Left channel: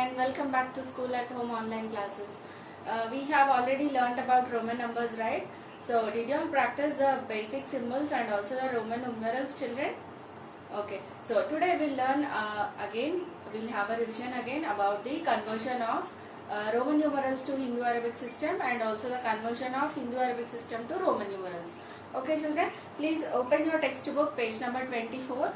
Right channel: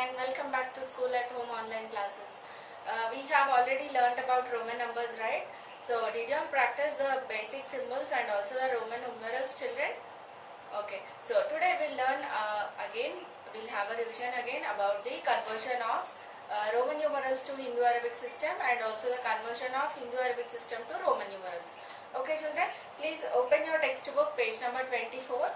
and welcome back to School at Home online classes. We have already learnt about Roman numbers, right? So did you all practice the basic symbols and also the Roman numerals, children? Okay, so today we'll learn we'll have a revision again about the conversion of Roman numerals to Hindu-Arabic system and also the conversion of Hindu-Arabic system to Roman numerals. Okay children, please open your textbook page number 24.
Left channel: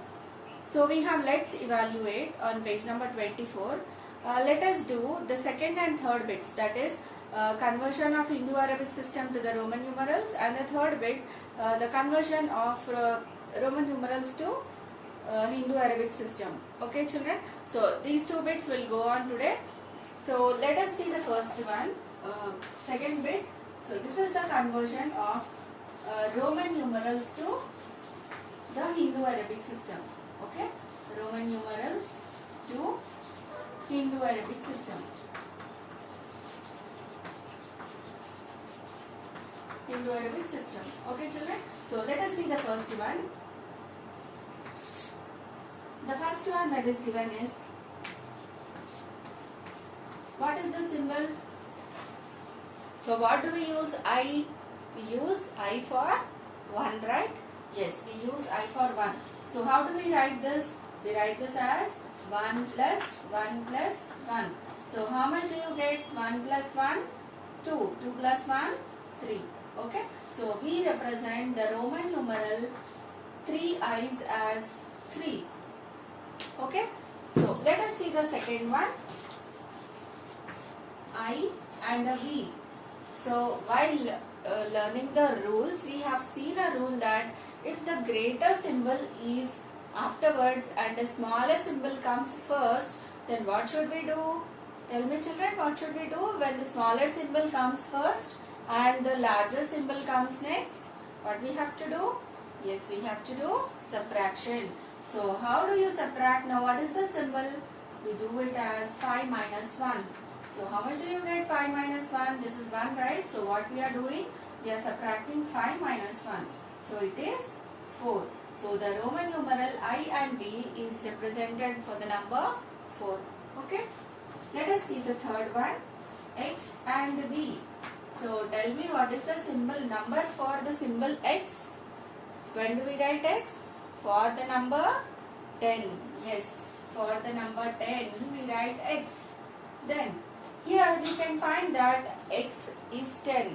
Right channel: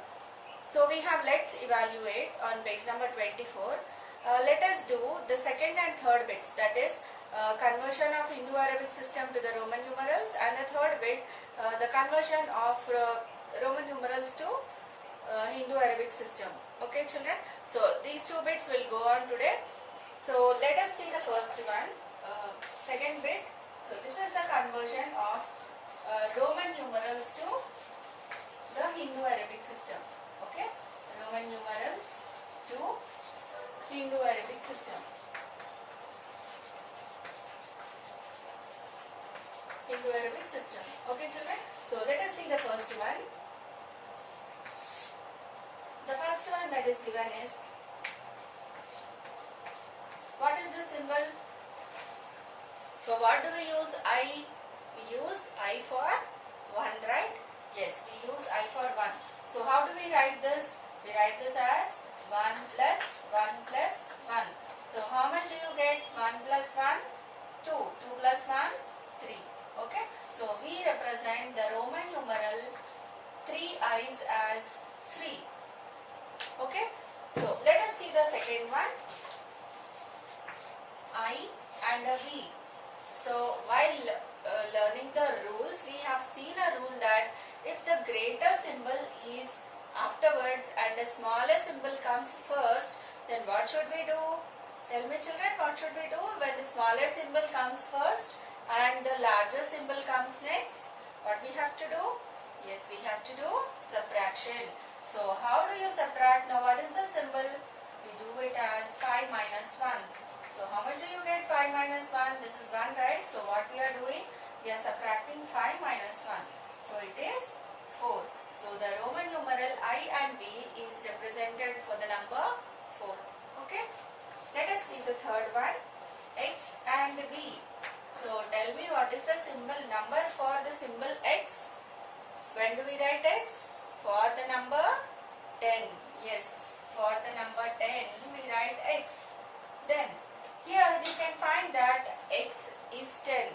So we have let's evaluate on page number 24. Let us do the second and third bits, that is conversion of Hindu-Arabic system to the Roman numerals, and the third bit the conversion of Roman numerals to Hindu-Arabic system. Okay children, so these two bits will go on today. So let us see the first one, second bit. So this is the conversion of Roman numerals to the Hindu-Arabic system. Okay, Roman numerals to Hindu-Arabic system. Hindu-Arabic system. Okay children, so let us see the first one. The first one that is given is, what is the symbol? So what do we use? I. We use I for 1, right? Yes, we use I for 1. So how do we write this? We write this as 1 plus 1 plus 1. So how much do you get? 1 plus 1? 2. 2 plus 1? 3. Okay. So we represent the Roman numeral 3 I's as 3. Okay. So let us see the second one. I and a V. So while learning the rules, we have seen a rule that if the greater symbol is afterwards and the smaller symbol comes first, then what should we do? Tell me children, what should we do when the smaller symbol comes first and the larger symbol comes next? What we have to do? Yes, we have to do subtraction. So how do you subtract? Now what is the symbol? We do it as 5 minus 1. So how much do you get? 5 minus 1. This is 1, right? So what we are doing? We are subtracting 5 minus 1. So it is 4. So the Roman numeral I and V is represented for the number 4. Okay. Let us see the third one. X and V. So tell me what is the symbol number for the symbol X? When do we write X? For the number 10. Yes. For the number 10 we write X. Then here you can find that X is 10,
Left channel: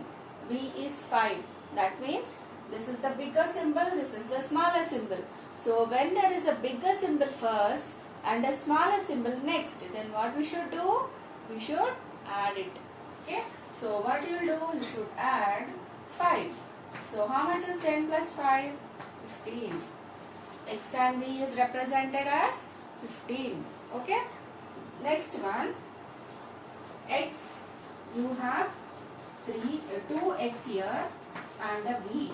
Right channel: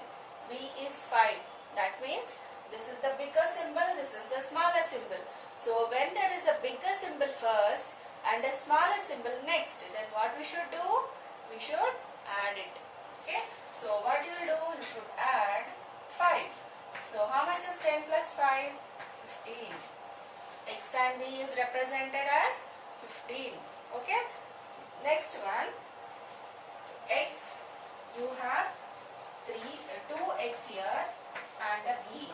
V is 5. That means this is the bigger symbol, this is the smaller symbol. So when there is a bigger symbol first and a smaller symbol next, then what we should do? We should add it. Okay. So what you will do? You should add 5. So how much is 10 plus 5? 15. X and V is represented as 15. Okay. Next one. X, you have 2x here and a V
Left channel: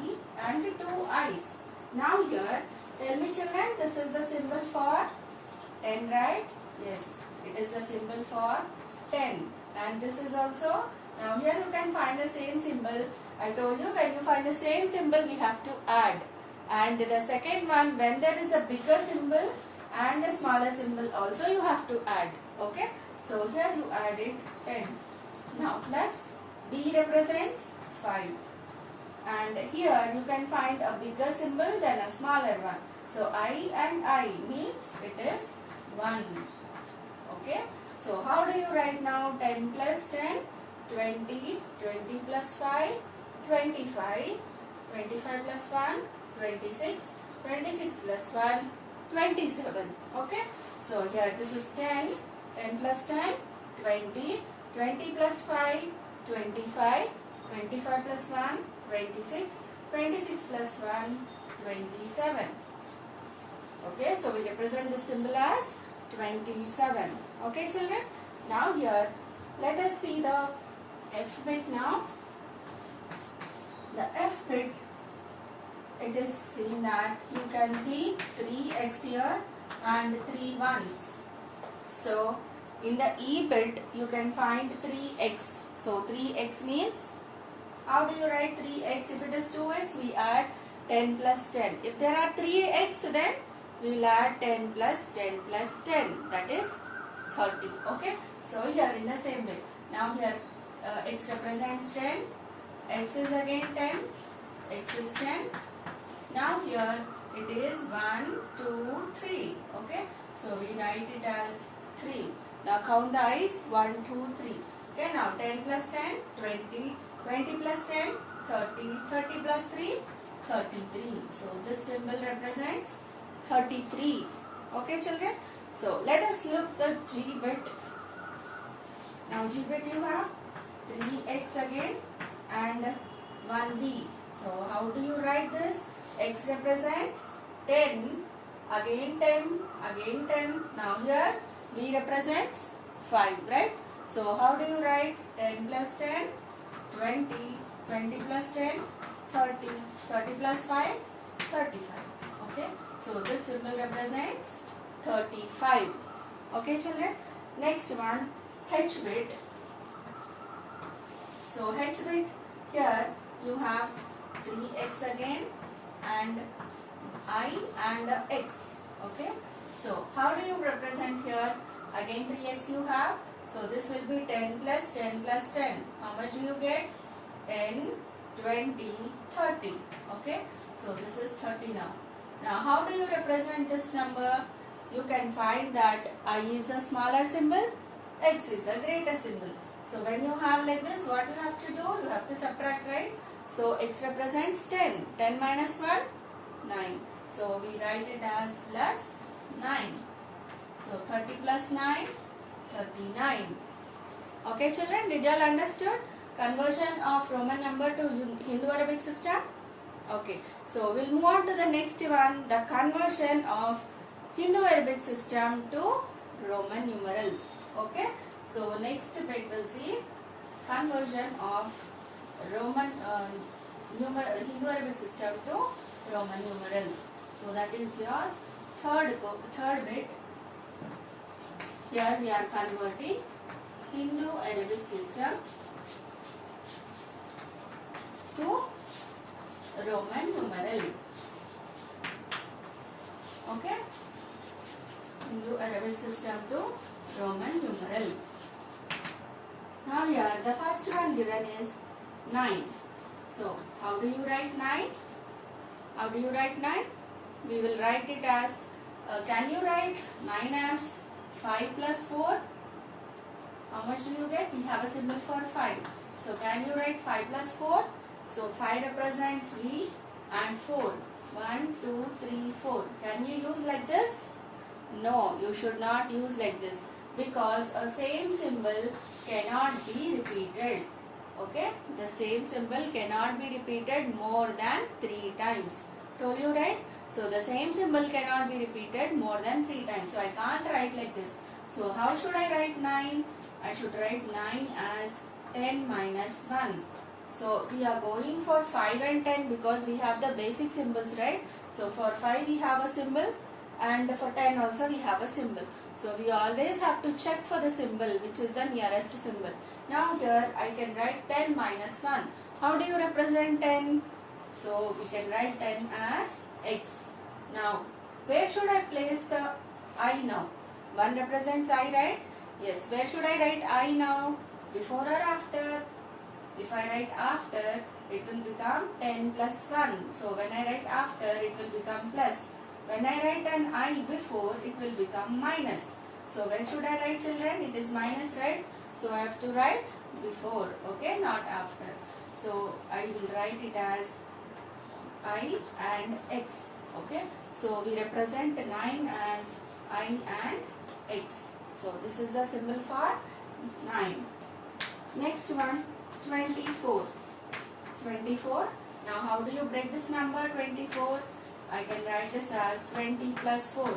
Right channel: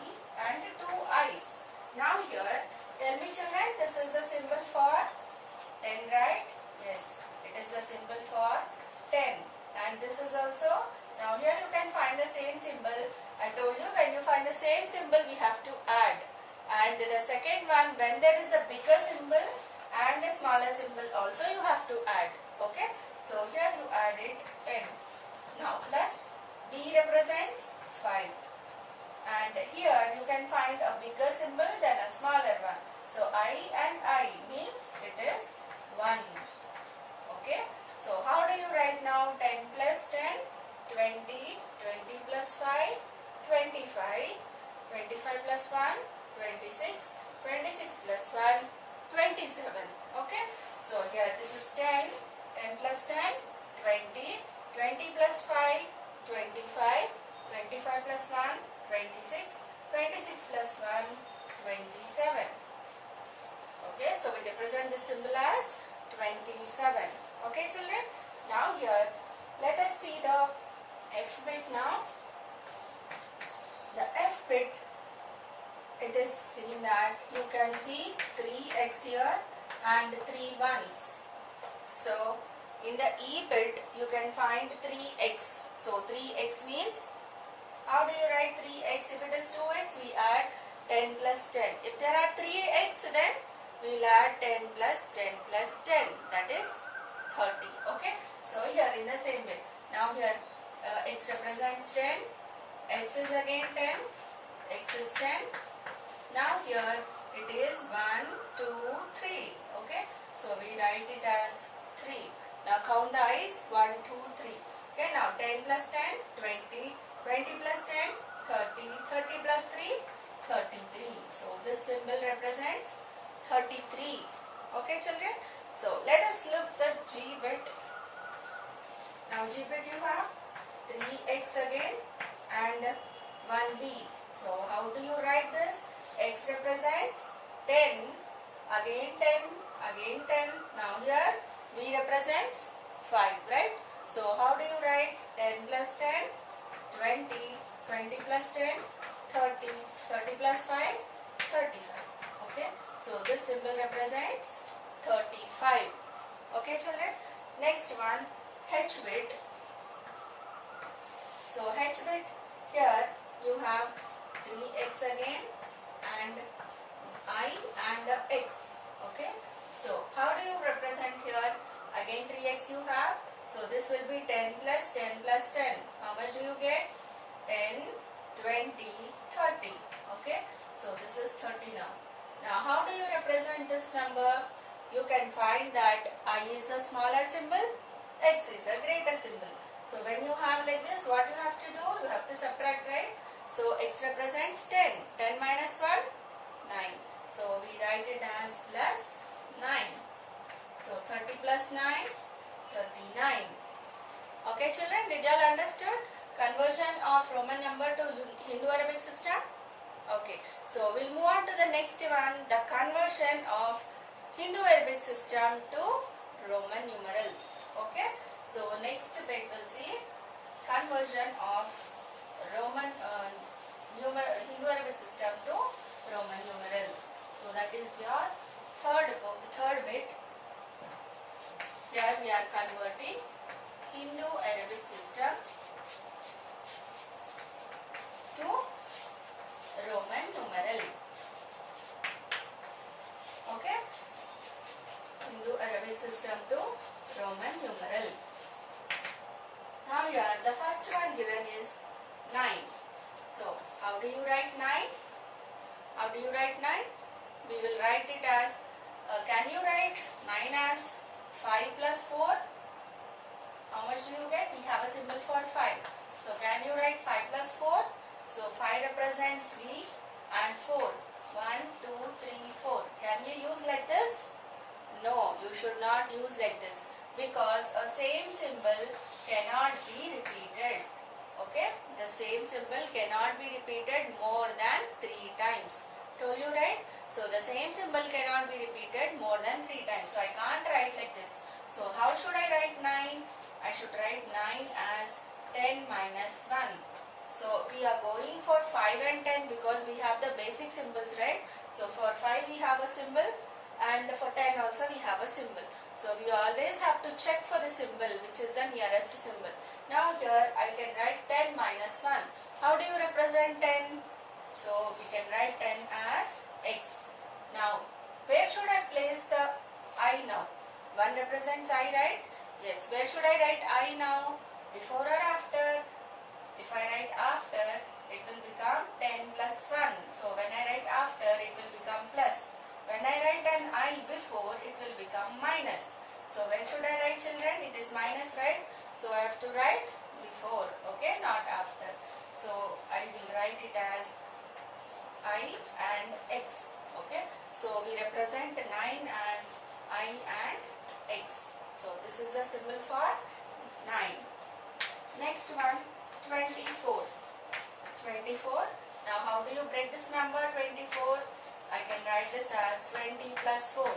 and 2 I's. Now here, tell me children, this is the symbol for 10, right? Yes, it is the symbol for 10. And this is also, now here you can find the same symbol. I told you when you find the same symbol, we have to add. And the second one, when there is a bigger symbol and a smaller symbol also you have to add. Okay. So here you added 10. Now plus B represents 5. And here you can find a bigger symbol than a smaller one. So I and I means it is 1. Okay. So how do you write now? 10 plus 10, 20, 20 plus 5, 25, 25 plus 1, 26, 26 plus 1, 27. Okay. So here this is 10. 10 plus 10, 20, 20 plus 5, 25, 25 plus 1, 26, 26 plus 1, 27. Okay, so we represent this symbol as 27. Okay children, now here let us see the F bit now. The F bit, it is seen that you can see 3x here and 3 ones. So in the E bit you can find 3x. So 3x means, how do you write 3x? If it is 2x we add 10 plus 10. If there are 3x then we will add 10 plus 10 plus 10, that is 30. Okay. So here in the same way. Now here x represents 10, x is again 10, x is 10. Now here it is 1, 2, 3. Okay. So we write it as 3. Now count the eyes 1, 2, 3. Okay. Now 10 plus 10, 20, 20 plus 10, 30, 30 plus 3, 33. So this symbol represents 33. Okay children. So let us look the G bit. Now G bit you have 3x again and 1b. So how do you write this? X represents 10, again 10, again 10. Now here b represents 5, right? So how do you write 10 plus 10, 20, 20 plus 10, 30, 30 plus 5, 35. Okay. So this symbol represents 35. Okay children. Next one, H bit. So H bit, here you have 3x again and I and x. Okay. So how do you represent here? Again 3x you have. So this will be 10 plus 10 plus 10. How much do you get? 10, 20, 30. Okay. So this is 30 now. Now how do you represent this number? You can find that I is a smaller symbol, x is a greater symbol. So when you have like this, what you have to do? You have to subtract, right? So x represents 10. 10 minus 1, 9. So we write it as plus 9. So 30 plus 9, 39. Okay children, did you all understood? Conversion of Roman number to Hindu-Arabic system? Okay. So we'll move on to the next one, the conversion of Hindu-Arabic system to Roman numerals. Okay. So next bit we'll see conversion of Roman Hindu-Arabic system to Roman numerals. So that is your third bit. Here we are converting Hindu-Arabic system to Roman numeral. Okay. Hindu-Arabic system to Roman numeral. Now here the first one given is 9. So how do you write 9? How do you write 9? We will write it as, can you write 9 as 5 plus 4? How much do you get? We have a symbol for 5. So can you write 5 plus 4? So 5 represents V and 4. 1, 2, 3, 4. Can you use like this? No, you should not use like this, because a same symbol cannot be repeated. Okay, the same symbol cannot be repeated more than 3 times. Told you, right? So the same symbol cannot be repeated more than 3 times. So I can't write like this. So how should I write 9? I should write 9 as 10 minus 1. So we are going for 5 and 10 because we have the basic symbols, right? So for 5 we have a symbol and for 10 also we have a symbol. So we always have to check for the symbol which is the nearest symbol. Now here I can write 10 minus 1. How do you represent 10? So we can write 10 as x. Now where should I place the I now? 1 represents I, right? Yes. Where should I write I now? Before or after? If I write after, it will become 10 plus 1. So when I write after, it will become plus. When I write an I before, it will become minus. So when should I write, children? It is minus, right? So I have to write before, okay, not after. So I will write it as I and x, okay. So we represent 9 as I and x. So this is the symbol for 9. Next one, 24. 24. Now how do you break this number 24? I can write this as 20 plus 4.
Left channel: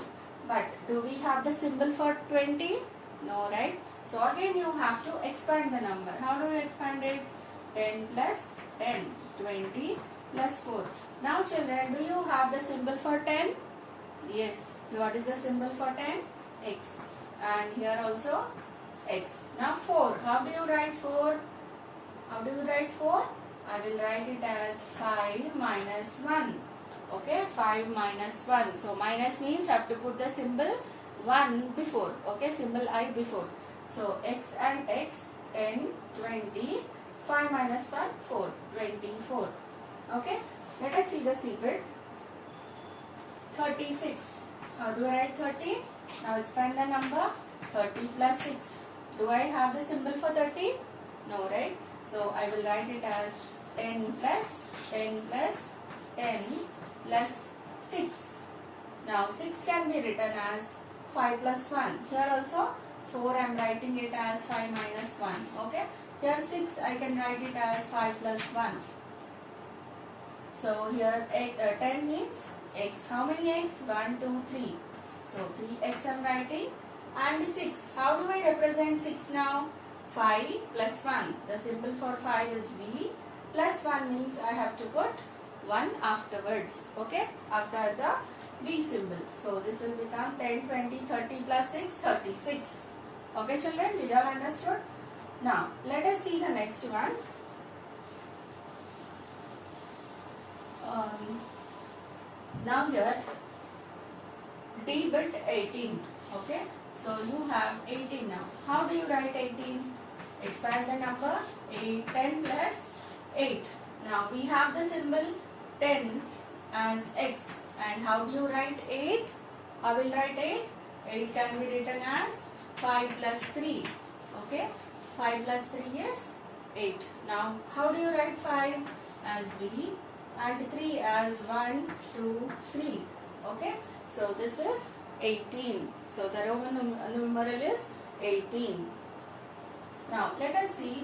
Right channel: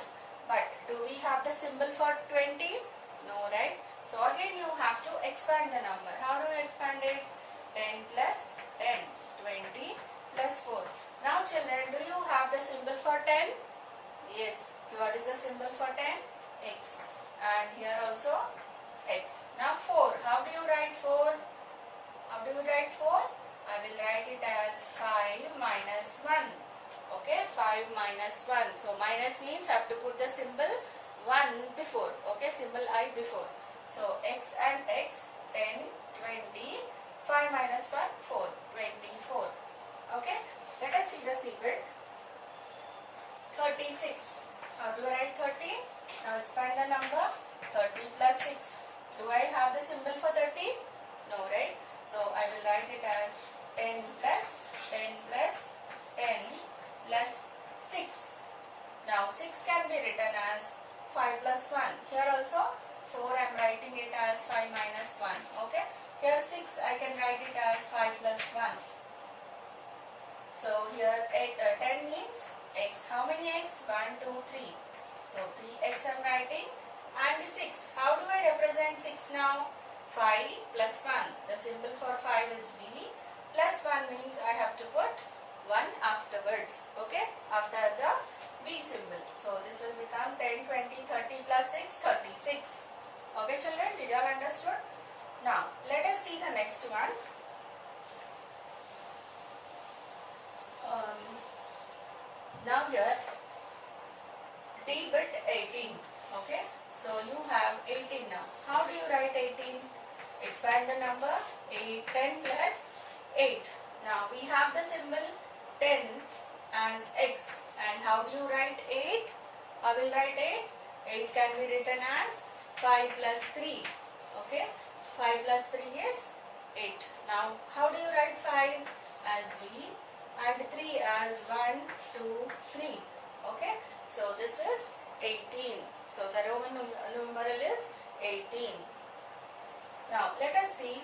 But do we have the symbol for 20? No, right? So again you have to expand the number. How do you expand it? 10 plus 10. 20 plus 4. Now children, do you have the symbol for 10? Yes. What is the symbol for 10? X. And here also x. Now 4. How do you write 4? How do you write 4? I will write it as 5 minus 1. Okay, 5 minus 1. So minus means I have to put the symbol 1 before. Okay, symbol I before. So x and x, 10, 20, 5 minus 1, 4, 24. Okay, let us see the secret. 36. How do I write 30? Now expand the number. 30 plus 6. Do I have the symbol for 30? No, right? So I will write it as 10 plus 10 plus 10 plus 6. Now 6 can be written as 5 plus 1. Here also 4 I am writing it as 5 minus 1. Okay. Here 6 I can write it as 5 plus 1. So here 10 means x. How many x? 1, 2, 3. So 3x I am writing. And 6. How do I represent 6 now? 5 plus 1. The symbol for 5 is V. Plus 1 means I have to put 1 afterwards. Okay. After the V symbol. So this will become 10, 20, 30 plus 6, 36. Okay children, did you all understood? Now let us see the next one. Now here D bit 18. Okay. So you have 18 now. How do you write 18? Expand the number. 10 plus 8. Now we have the symbol 10 as x. And how do you write 8? I will write 8. 8 can be written as 5 plus 3. Okay. 5 plus 3 is 8. Now how do you write 5? As V and 3 as 1, 2, 3. Okay. So this is 18. So the Roman numeral is 18. Now let us see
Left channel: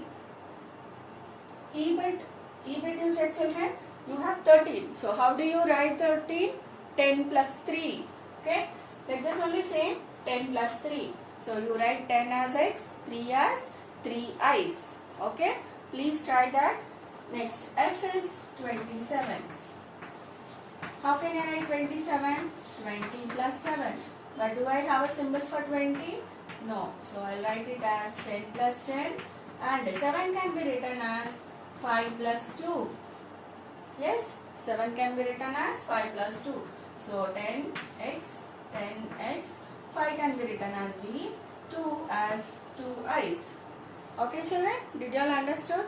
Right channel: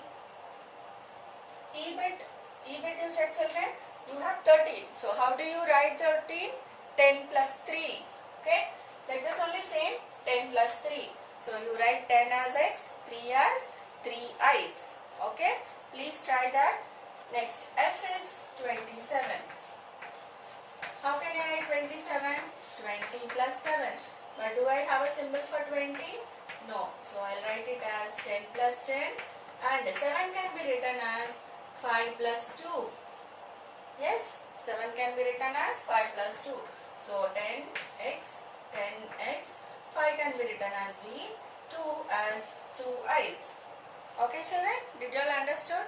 E bit you check children. You have 13. So how do you write 13? 10 plus 3. Okay. Like this only same 10 plus 3. So you write 10 as x, 3 as 3 i's. Okay. Please try that. Next F is 27. How can I write 27? 20 plus 7. But do I have a symbol for 20? No. So I'll write it as 10 plus 10. And 7 can be written as 5 plus 2. Yes, 7 can be written as 5 plus 2. So 10x, 10x, 5 can be written as V, 2 as 2i's. Okay children, did you all understood?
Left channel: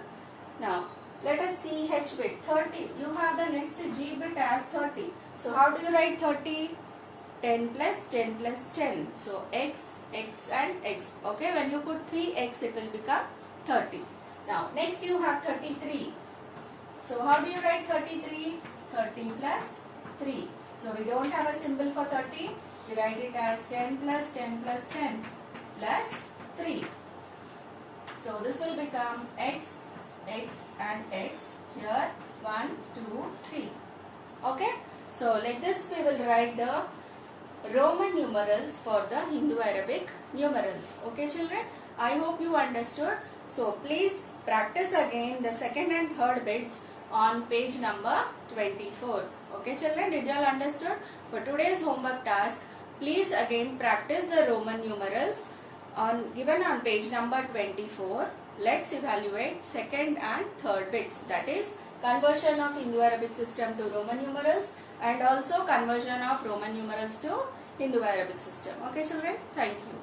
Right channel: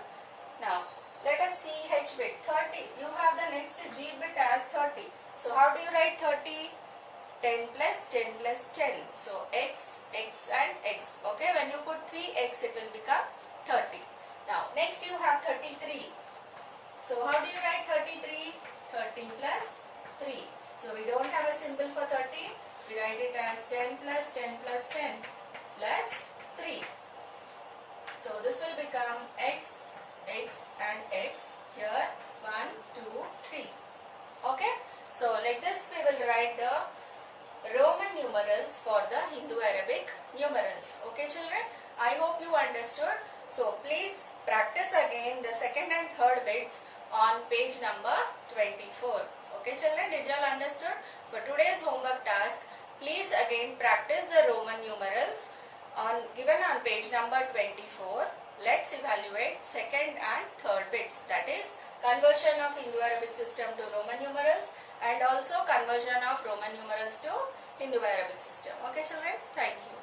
Now let us see H bit 30. You have the next G bit as 30. So how do you write 30? 10 plus 10 plus 10. So x, x and x. Okay, when you put 3x it will become 30. Now next you have 33. So how do you write 33? 30 plus 3. So we don't have a symbol for 30. We write it as 10 plus 10 plus 10 plus 3. So this will become x, x and x. Here 1, 2, 3. Okay. So like this we will write the Roman numerals for the Hindu-Arabic numerals. Okay children. I hope you understood. So please practice again the second and third bits on page number 24. Okay children, did you all understood? For today's homework task, please again practice the Roman numerals given on page number 24. Let's evaluate second and third bits, that is conversion of Hindu-Arabic system to Roman numerals and also conversion of Roman numerals to Hindu-Arabic system. Okay children, thank you.